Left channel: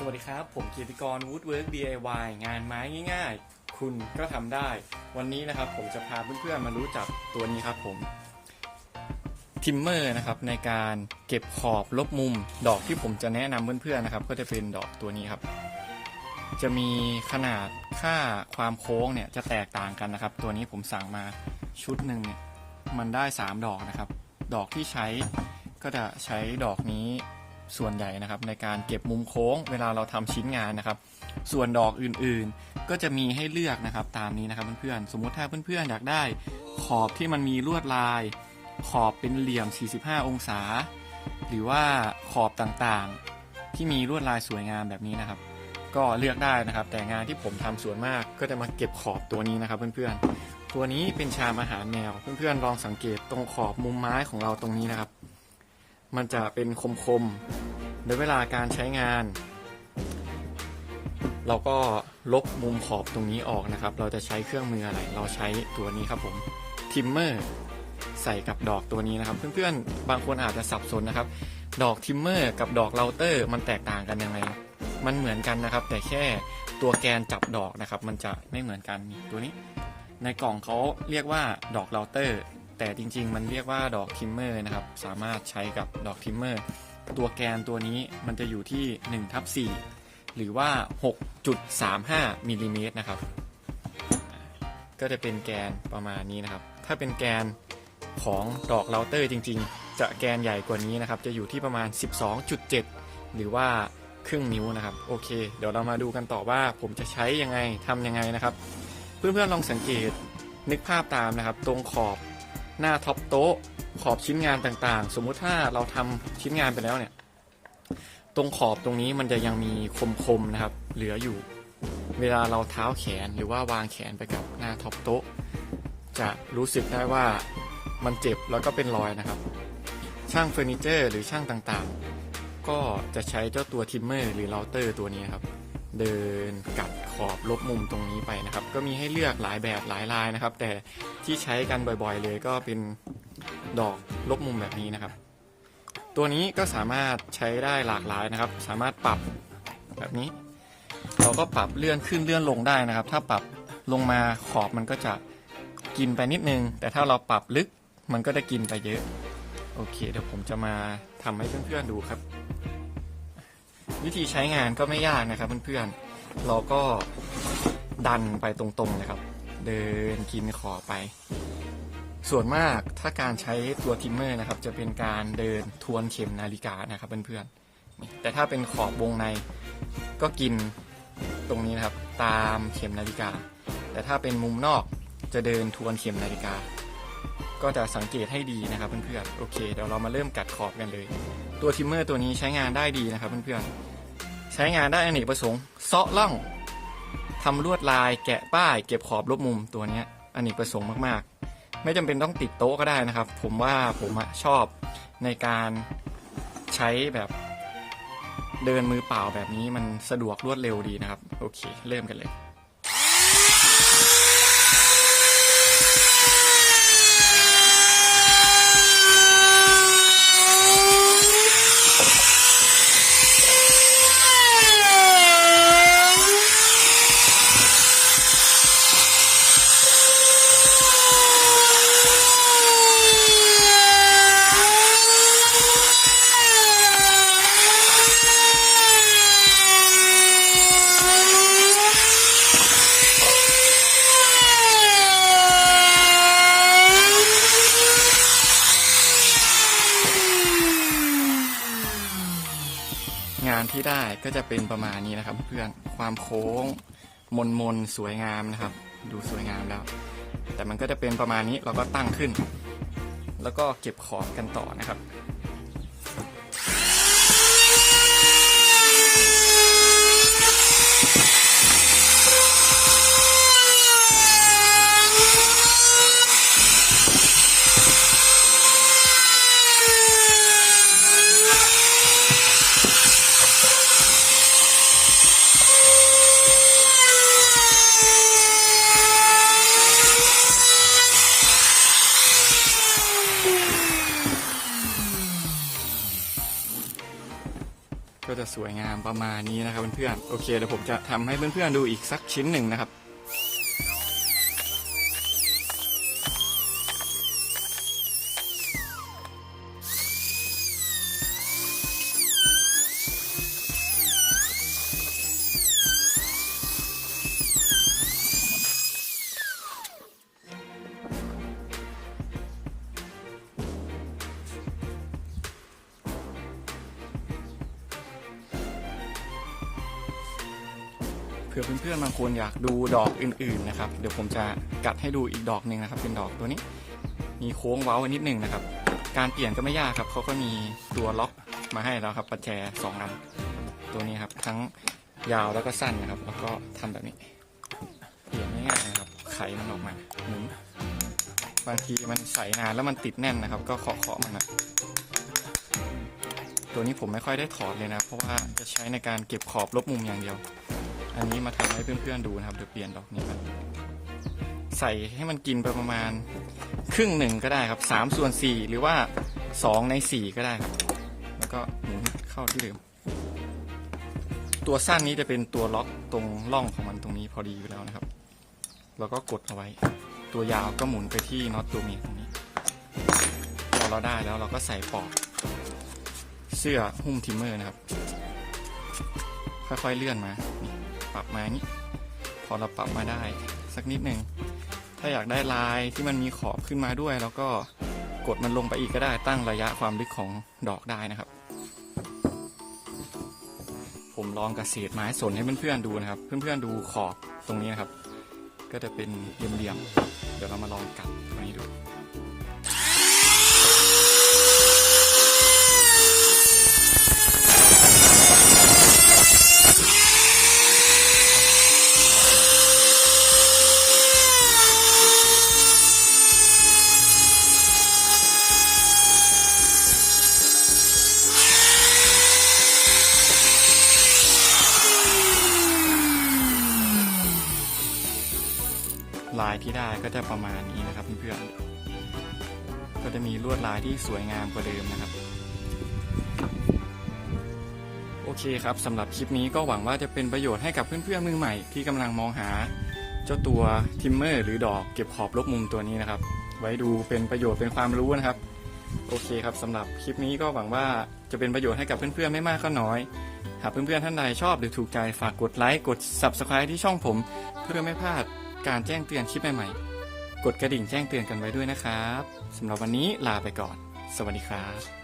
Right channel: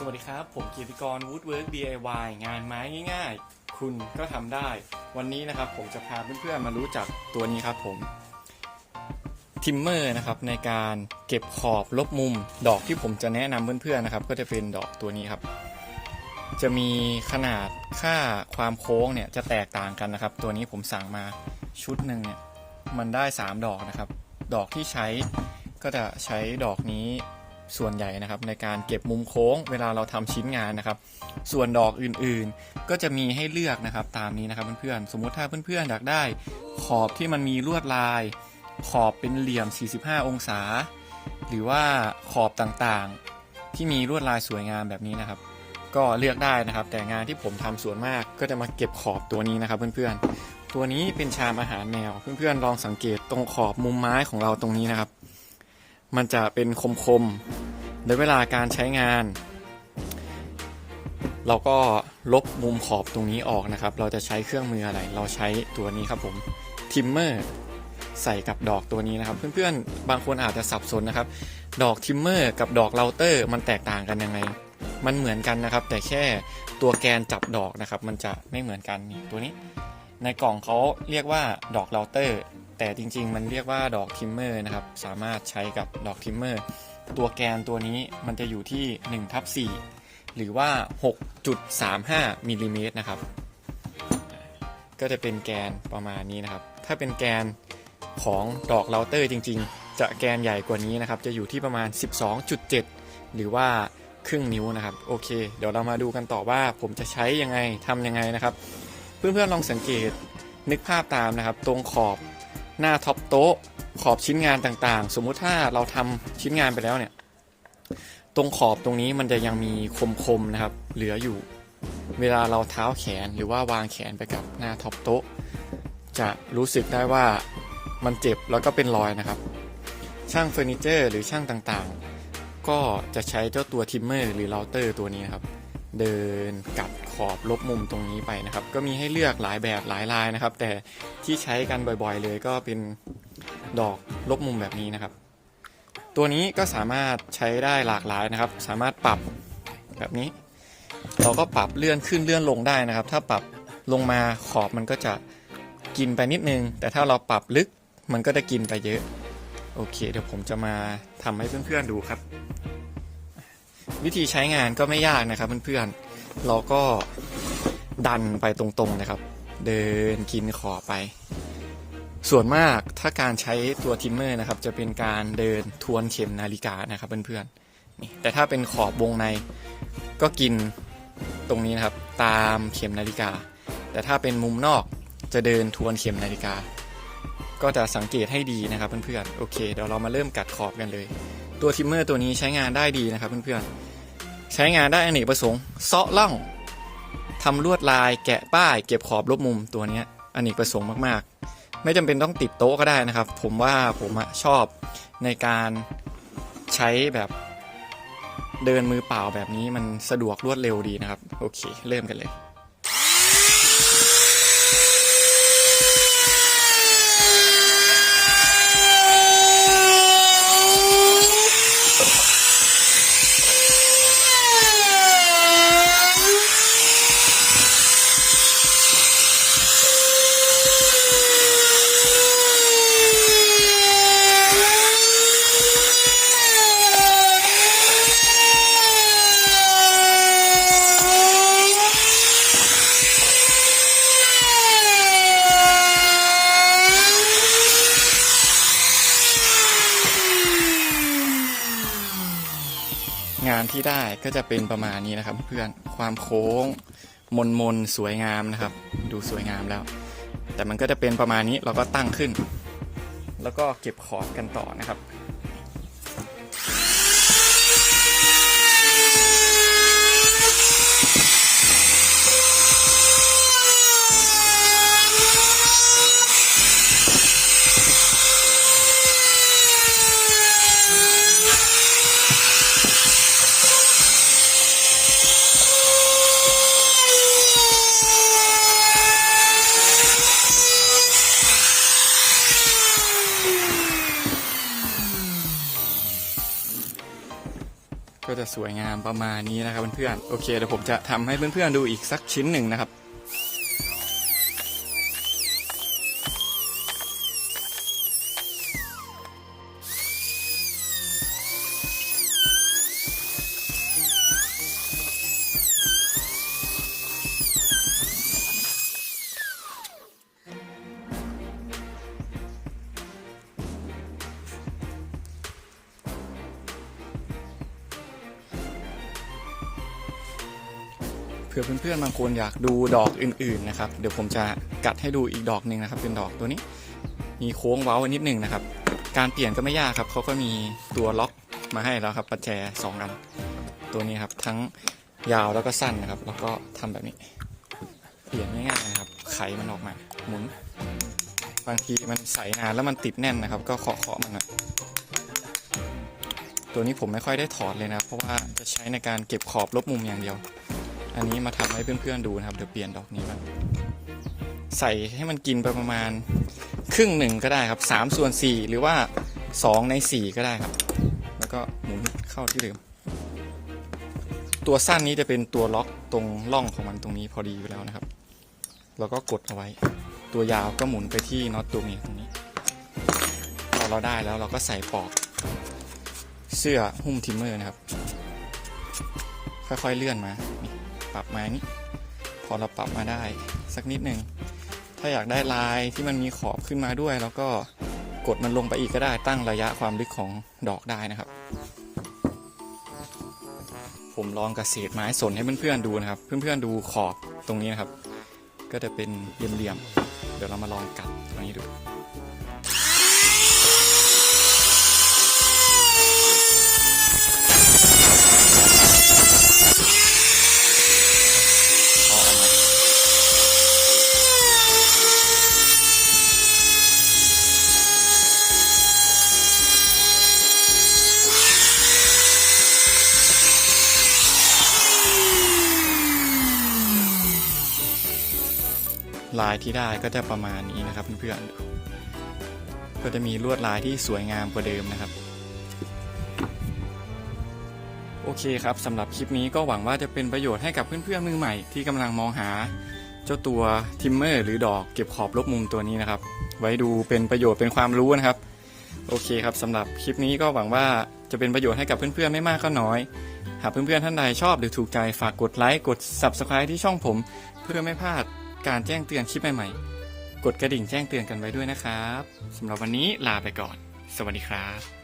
สวัสดีครับ ผมเกียรติกร Woodwork DIY งานไม้ง่ายๆ คุณก็ทำได้ วันนี้นะครับผมจะพาเพื่อนๆมารู้จักตัวนี้ครับผมทิมเมอร์นะครับในการเก็บขอบลบมุม ดอกที่ผมจะแนะนำเพื่อนๆนะครับ ก็จะเป็นดอกตัวนี้ครับ จะมีขนาดค่าความโค้งเนี่ยจะแตกต่างกันนะครับ ตัวนี้ผมสั่งมาชุดหนึ่งเนี่ยมันได้ 3 ดอกนะครับ ดอกที่ใช้ก็จะใช้ดอกนี้ ส่วนใหญ่นะครับในการเก็บมุมโค้งเวลาเราทำชิ้นงานนะครับ ส่วนดอกอื่นๆ ก็จะมีให้เลือกนะครับตามนี้นะครับเพื่อนๆสมมุติถ้าเพื่อนๆอยากได้ขอบที่มันมีลวดลาย ขอบเป็นเหลี่ยม 45 องศา หรือว่าขอบต่างๆ ที่มีลวดลายสวยงามแบบนี้นะครับ ก็เลือกได้นะครับ แต่งานที่ผมทำส่วนมากก็จะมาเก็บขอบตัวนี้นะครับเพื่อนๆ ตัวนี้เป็นชามอาหารแมวเพื่อนๆลองสังเกตตรงขอบมุมไม้ของเราตรงนี้นะครับ มันจะเป็นคมๆ ในเวลาการใช้งาน เราก็ลบมุมขอบตรงนี้ออกนะครับ เราจะใช้เครื่องมืออะไร เราใช้ตัวนี้ครับผมทิมเมอร์ใส่กับดอกตัวนี้นะครับ เพื่อนๆ บางคนอาจจะสับสนนะครับ ดอกทิมเมอร์กับดอกเราเตอร์มันแตกต่างกันยังไง มันเหมือนกันนะครับ แต่แค่ตัวแกนจับดอกนะครับ มันจะไม่เหมือนกันตัวนี้ ในกล่องเขาเรียกว่าดอกเราเตอร์แต่จริงๆ มันเรียกว่าดอกทิมเมอร์นะครับ สามารถใช้กับดอกทิมเมอร์ ตัวแกนตัวนี้มันจะอยู่ที่1ทับ4หรือว่า 6.35มิลลิเมตรนะครับ ก็จะเป็นแกนประมาณนี้นะครับ ถ้าเป็นแกนของดอกเราเตอร์จริง ๆ จะแกนใหญ่กว่านี้นะครับ จะอยู่ที่ประมาณ 12.7 หรือว่าครึ่งนิ้วนะครับ โอเค เดี๋ยวเรามาดูกันต่อว่าผมจะใช้ยังไงทำยังไงนะครับ เพื่อนๆลองสังเกตนึกภาพตามนะครับ ตรงขอบ หน้าท็อปโต๊ะขอบชิ้นงานต่างๆ สมมุติถ้าเราทำชิ้นงานไปแล้วเนี่ย ตรงขอบตรงนี้มันจะยังมีคมๆนะครับ เหลืออยู่ เวลาเราเท้าแขนหรือว่าวางแขนไปกับหน้าท็อปโต๊ะ จะรู้สึกได้ว่ามันเจ็บแล้วก็เป็นรอยนะครับ ช่างเฟอร์นิเจอร์หรือช่างต่างๆ ก็จะใช้เจ้าตัวทิมเมอร์หรือเราเตอร์ตัวนี้นครับ เดินกัด ขอบลบมุมตรงนี้ไปนะครับ ก็มีให้เลือกหลายแบบหลายลายนะครับ แต่ที่ใช้กันบ่อยๆเลยก็เป็นดอกลบมุมแบบนี้นะครับ ตัวนี้ก็สามารถใช้ได้หลากหลายนะครับ สามารถปรับแบบนี้ เราก็ปรับเลื่อนขึ้นเลื่อนลงได้นะครับ ถ้าปรับลงมาขอบมันก็จะกินไปนิดนึง แต่ถ้าเราปรับลึกมันก็จะกินไปเยอะ โอเค เดี๋ยวผมจะมาทำให้เพื่อนๆดูครับ วิธีใช้งานก็ไม่ยากนะครับเพื่อนๆ เราก็ดันไปตรงๆนะครับ เดินกินขอบไป ส่วนมากถ้าการใช้ตัวทิมเมอร์นะครับ จะเป็นการเดินทวนเข็มนาฬิกานะครับเพื่อนๆแต่ถ้าเป็นขอบวงในก็กินตรงนี้นะครับ ตามเข็มนาฬิกา แต่ถ้าเป็นมุมนอกจะเดินทวนเข็มนาฬิกา ก็จะสังเกตให้ดีนะครับเพื่อนๆโอเคเดี๋ยวเรามาเริ่มกัดขอบกันเลย ตัวทิมเมอร์ตัวนี้ใช้งานได้ดีนะครับเพื่อนๆ ช้งานได้อเนกประสงค์เซาะล่องทำลวดลายแกะป้าย เก็บขอบลบมุมตัวนี้อเนกประสงค์มากๆ ไม่จำเป็นต้องติดโต๊ะก็ได้นะครับ ผมว่าผมชอบในการใช้แบบเดินมือเปล่าแบบนี้มันสะดวกรวดเร็วดีนะครับ โอเค เริ่มกันเลย ที่ได้ก็จะเป็นประมาณนี้นะครับ เพื่อนความโค้งมนมนสวยงามนะครับ ดูสวยงามแล้ว แต่มันก็จะเป็นประมาณนี้เราก็ตั้งขึ้น แล้วก็เก็บขอบกันต่อนะครับ จะสวยงามประมาณนี้นะครับเพื่อนๆโอเคเดี๋ยวผมจะทำให้เพื่อนๆดูอีกสักชิ้นหนึ่งนะครับ ผื่อเพื่อนๆบางคนอยากดูดอกอื่นๆนะครับ เดี๋ยวผมจะกัดให้ดูอีกดอกหนึ่งนะครับ เป็นดอกตัวนี้ มีโค้งเว้าวนิดหนึ่งนะครับ การเปลี่ยนก็ไม่ยากครับเขาก็มีตัวล็อกมาให้แล้วครับประแจสองอันตัวนี้ครับทั้งยาวแล้วก็สั้นนะครับ แล้วก็ทำแบบนี้ เปลี่ยนง่ายๆนะครับ ไขมันออกมาหมุนบางทีมันใส่นานแล้วมันติดแน่นนะครับ ก็เคาะๆมันนะตัวนี้ผมไม่ค่อยได้ถอดเลยนะ เพราะว่าจะใช้ในการเก็บขอบลบมุมอย่างเดียว อันนี้มาทำให้เพื่อนๆดูนะครับเดี๋ยวเปลี่ยนดอกนี้บ้างใส่ให้มันกินไปประมาณครึ่งหนึ่งก็ได้ครับสามส่วนสี่หรือว่าสองในสี่ก็ได้ครับ แล้วก็หมุนเข้าที่เดิม ตัวสั้นนี้จะเป็นตัวล็อกตรงร่องของมันตรงนี้พอดีอยู่แล้วนะครับ แล้วก็กดเอาไว้ ตัวยาวก็หมุนไปที่น็อตตัวนี้ตรงนี้พอเราได้แล้วเราก็ใส่ปลอกเสื้อหุ้มทิมเมอร์นะครับ ค่อยๆเลื่อนมา รับมานี่พอเราปรับมาได้สักนิดหนึ่งถ้าอยากได้ลายที่มันมีขอบขึ้นมาด้วย แล้วก็กดมันลงไปอีกก็ได้ตั้งระยะความลึกของดอกได้นะครับ ผมลองกระเสียบไม้สนให้เพื่อนๆดูนะครับ เพื่อนๆดูขอบตรงนี้นะครับ ก็จะเป็นเหลี่ยมๆเดี๋ยวเรามาลองกัดตรงนี้ดู ลายที่ได้ก็จะประมาณนี้นะครับเพื่อนๆก็จะมีลวดลายที่สวยงามกว่าเดิมนะครับ โอเคครับสำหรับคลิปนี้ก็หวังว่าจะเป็นประโยชน์ให้กับเพื่อนๆมือใหม่ที่กำลังมองหา เจ้าตัวทิมเมอร์หรือดอกเก็บขอบลบมุมตัวนี้นะครับ ไว้ดูเป็นประโยชน์เป็นความรู้นะครับ โอเคครับสำหรับคลิปนี้ก็หวังว่าจะเป็นประโยชน์ให้กับเพื่อนๆไม่มากก็น้อยหากเพื่อนๆท่านใดชอบหรือถูกใจฝากกดไลค์กด Subscribe ที่ช่องผม เพื่อไม่พลาด การแจ้งเตือนคลิปใหม่ๆ กดกระดิ่งแจ้งเตือนกันไว้ด้วยนะครับสำหรับวันนี้ลาไปก่อน สวัสดีครับ